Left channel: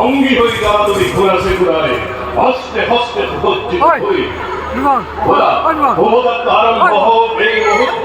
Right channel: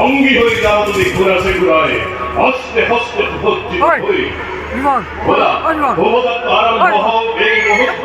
অঙ্গী হয়ে যাওয়া যদি ঘোরা সে ঘুরায় হস্তে হস্তে উপস্থিত হয়ে ঘোরা ভূমদত্ত আরম্ভ হোক এই মুহূর্ত।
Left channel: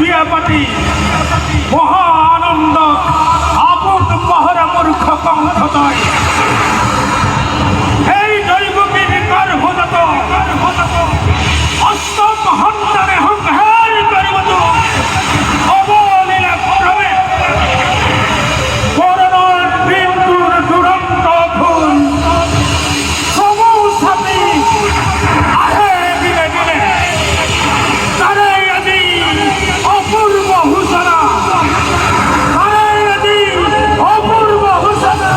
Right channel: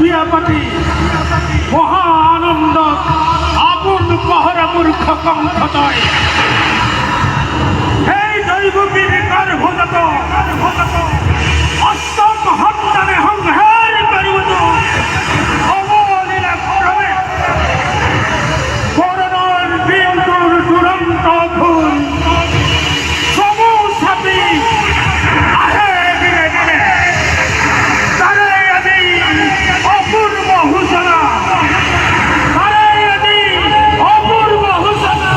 বিয়াপাতি মহা আনন্দ আপন পাহরা মূর্খ কণ্ঠদয় এই দৈবকীর গর্ভগত অষ্টম সন্তানে সংহার করিবত অবলীলা ক্রমে করোনার বিন্দুর দুরন্ত ফুল সমুসাতি আহে দিনে দিনে তারে আজি অপূর্ব হুসনা তারে আজি অপূর্ব হুসনা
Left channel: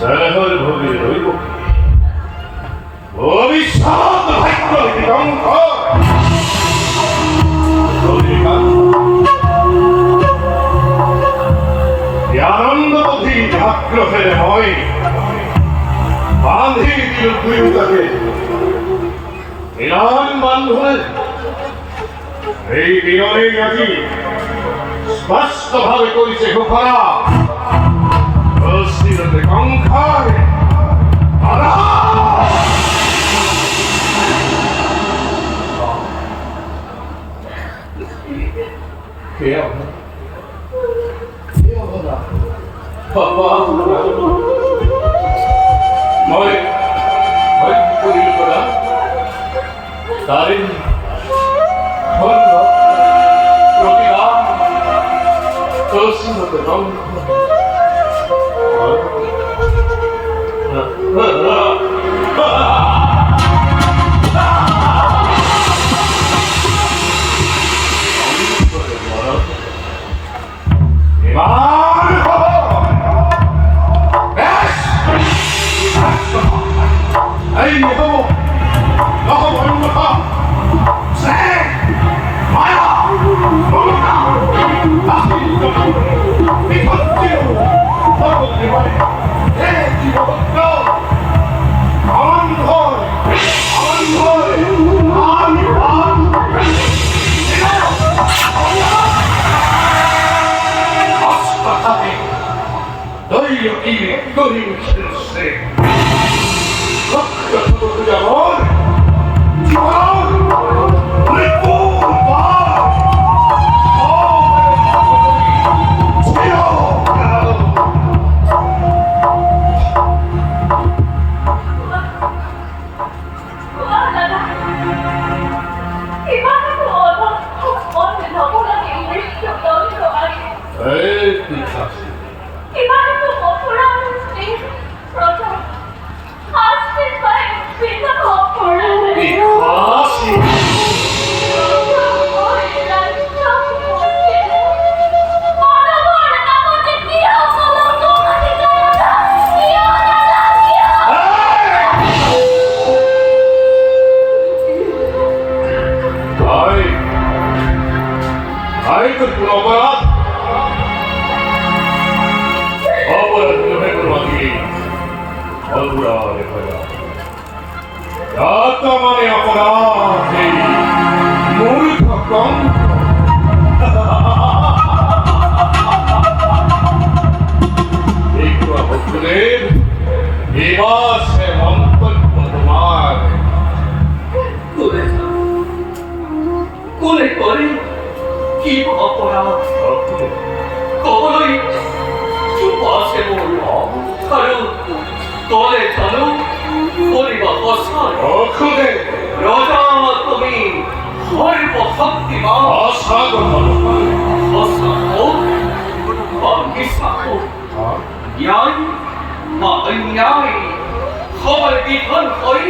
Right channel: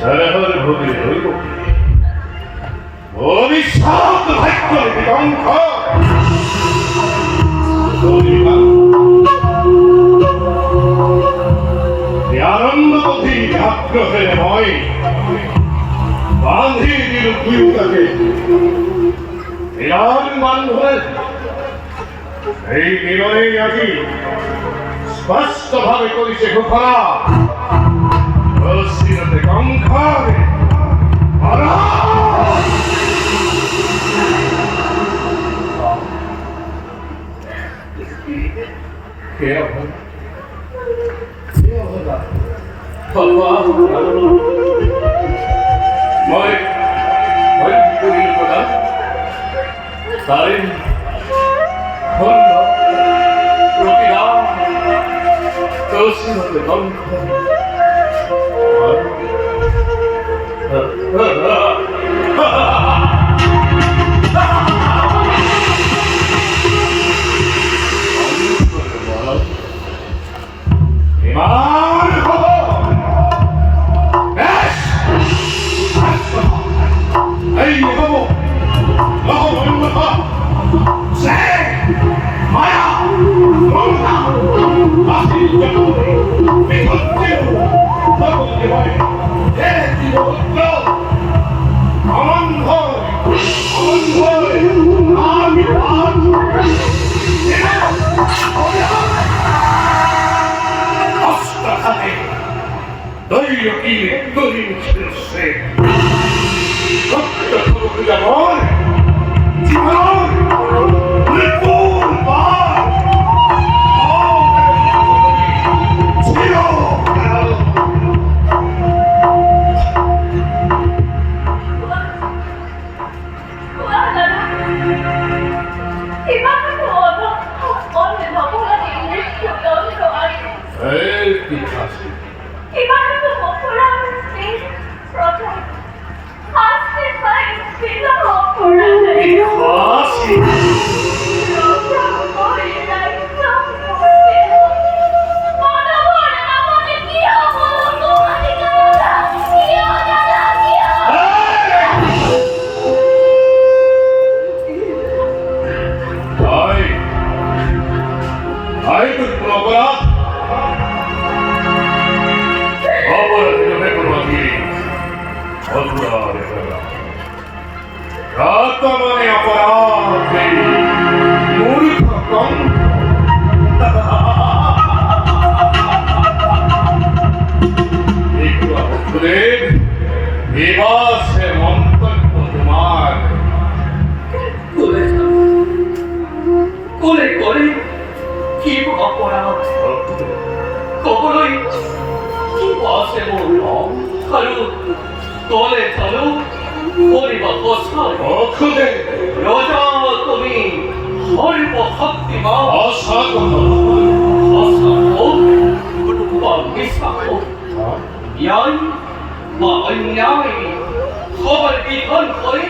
세월 법이 의고 어비사도 할거리 경커 우리가 야름도 디 학교에 모이 만희디를 구입하게 이런 만호를 এই নিরয়ে আজি স্পষ্টভাবে করিছে ঘোষণা অস্থিরতে কঙ্কারে কে হল বাবা মই কি করিল না তাই হল Pratiram তোষিতে লঙ্ঘ Io se Rocca tutto di amore di valore le curva Ratamane aparate murkha kam ekটু আহ্বানের এবার সে মন্তব্য তোমার কোলে করে কি অপরাধ কখনোই চুপ আসে বললাম কারণ তলে চলো পরিবার বসান অক্ষুদে রাজা তুমি সর্বশক্তিমান অসাধারণ অসাধক বা মিশাধক ন্যায় বা অন্যায় সবার বিধান করে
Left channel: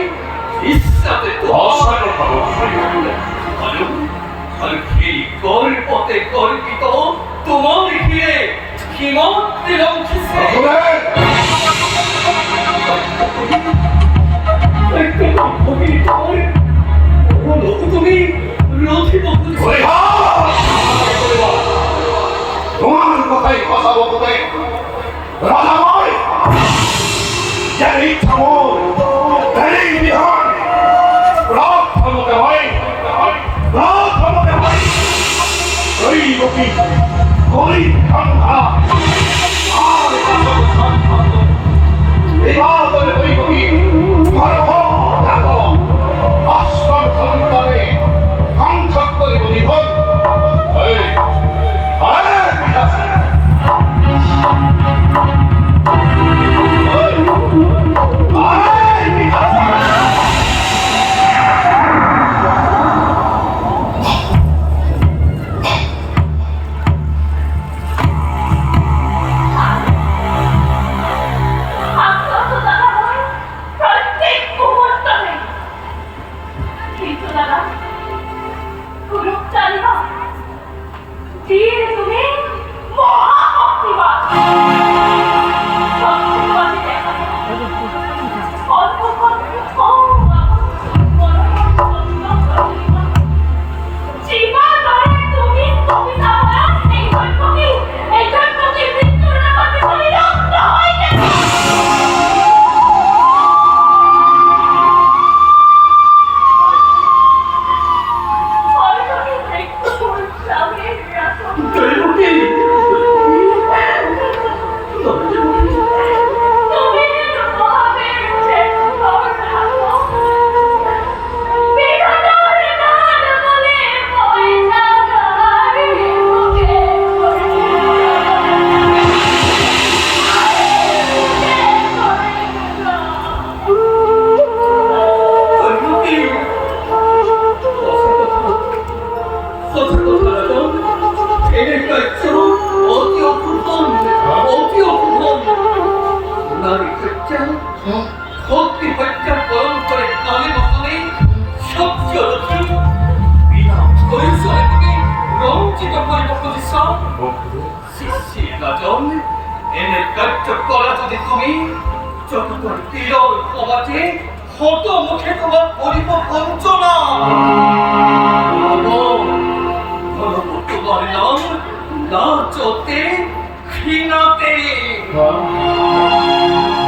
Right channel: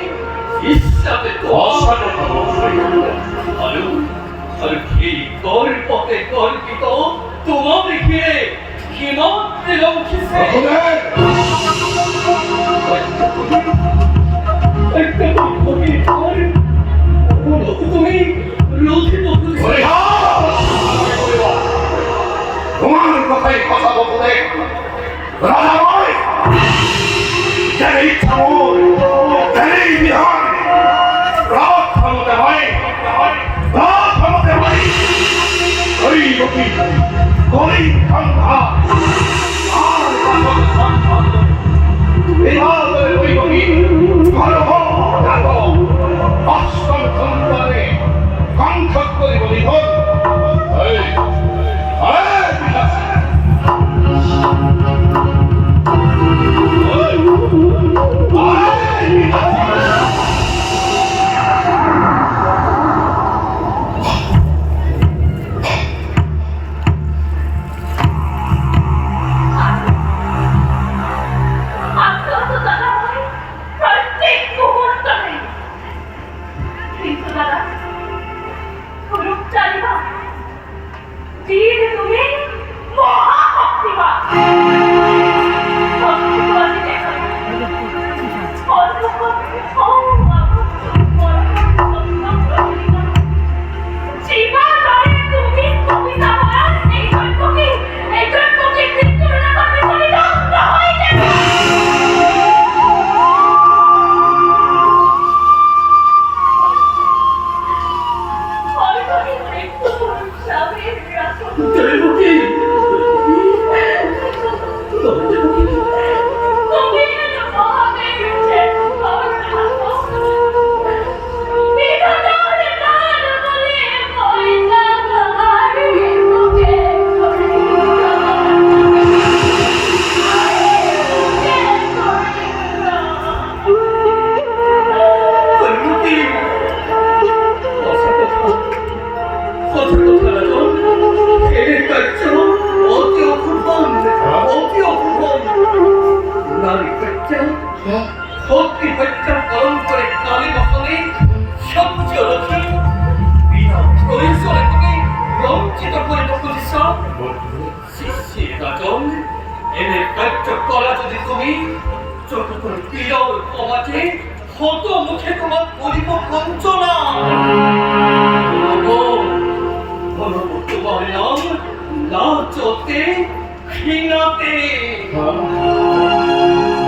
ইচ্ছাতে অসাধারণ আর কি গর্বতে গর্বিত তোমার ঘিরে হিমাতে লঙ্ঘিছে তুমি রোধিত তোমার কথাই কথা বলতে রাজা ভাই যার ইচ্ছা মন তারই বিধান রাত থামতে হয় রাত থামতে হয় দৈবকী গরিব সংখ্যা আর সংখ্যা বিভাগের দৈবকী ঘর দেখো অষ্টম সন্তানে সংখ্যক করে বলিধন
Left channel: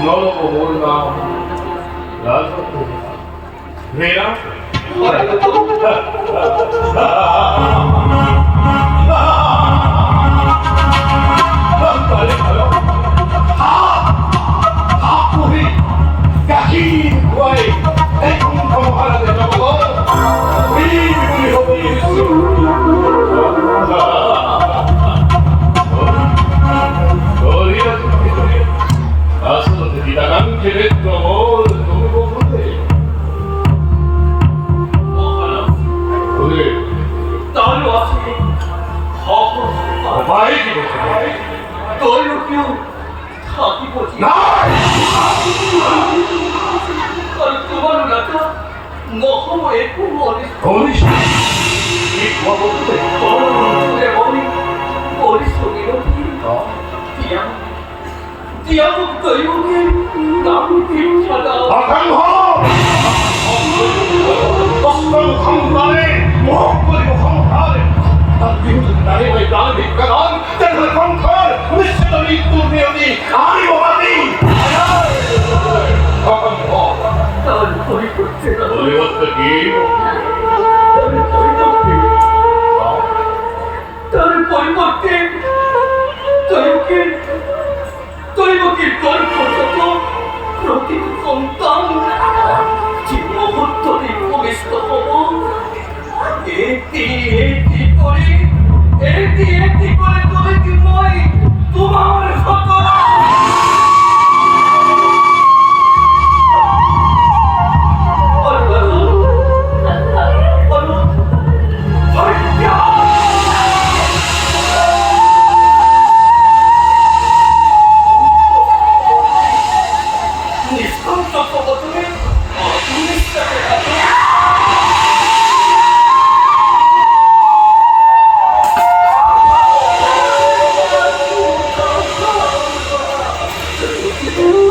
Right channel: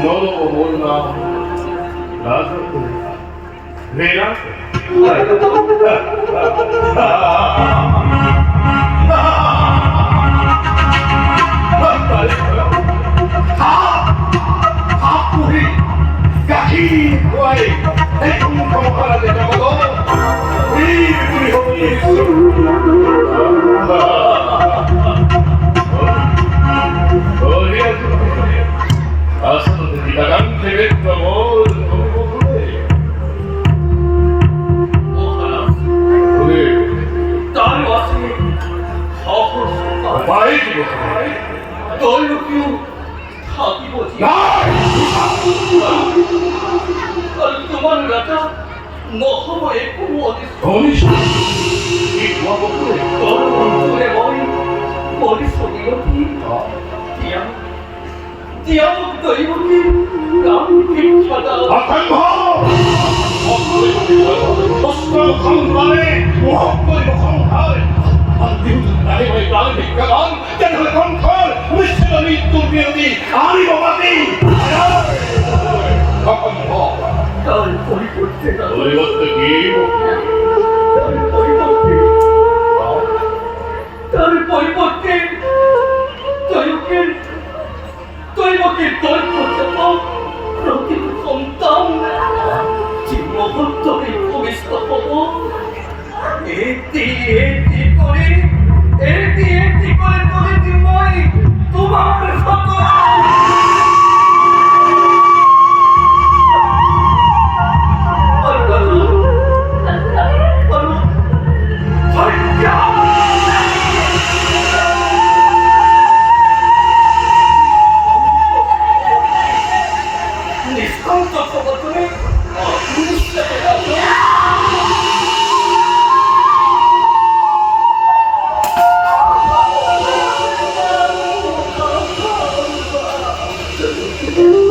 너무 몰라. 나도 왜야? 빨리 가요. 우리 가기 와이 대통령 하나 되자고. 우리 어디가 좀 아서는 디다간 계획도 너무 그래. 오늘 나를 왔으니 많이 죽었어. 널로 사기보지 그만을 갖다 너무 예쁘고 어디서 돈이 이 와보고 너는 내 머릿속에 여기 띠아부터 여기 남길 찾아 박항호 버스가 강단에 무엇거리고 강단에 미국은 나이가 있다니까 난 때는 강단 우리 채널이 뚜비언니 아니고 맞니 박항호 날 버리고 제가 너희 어떻게 나를 버리고 tôi không 그렇게 꼼ጣ 지금 헛돌이 보겠어 에띠 꼬리 뭐이 도망을 헛돌아 음.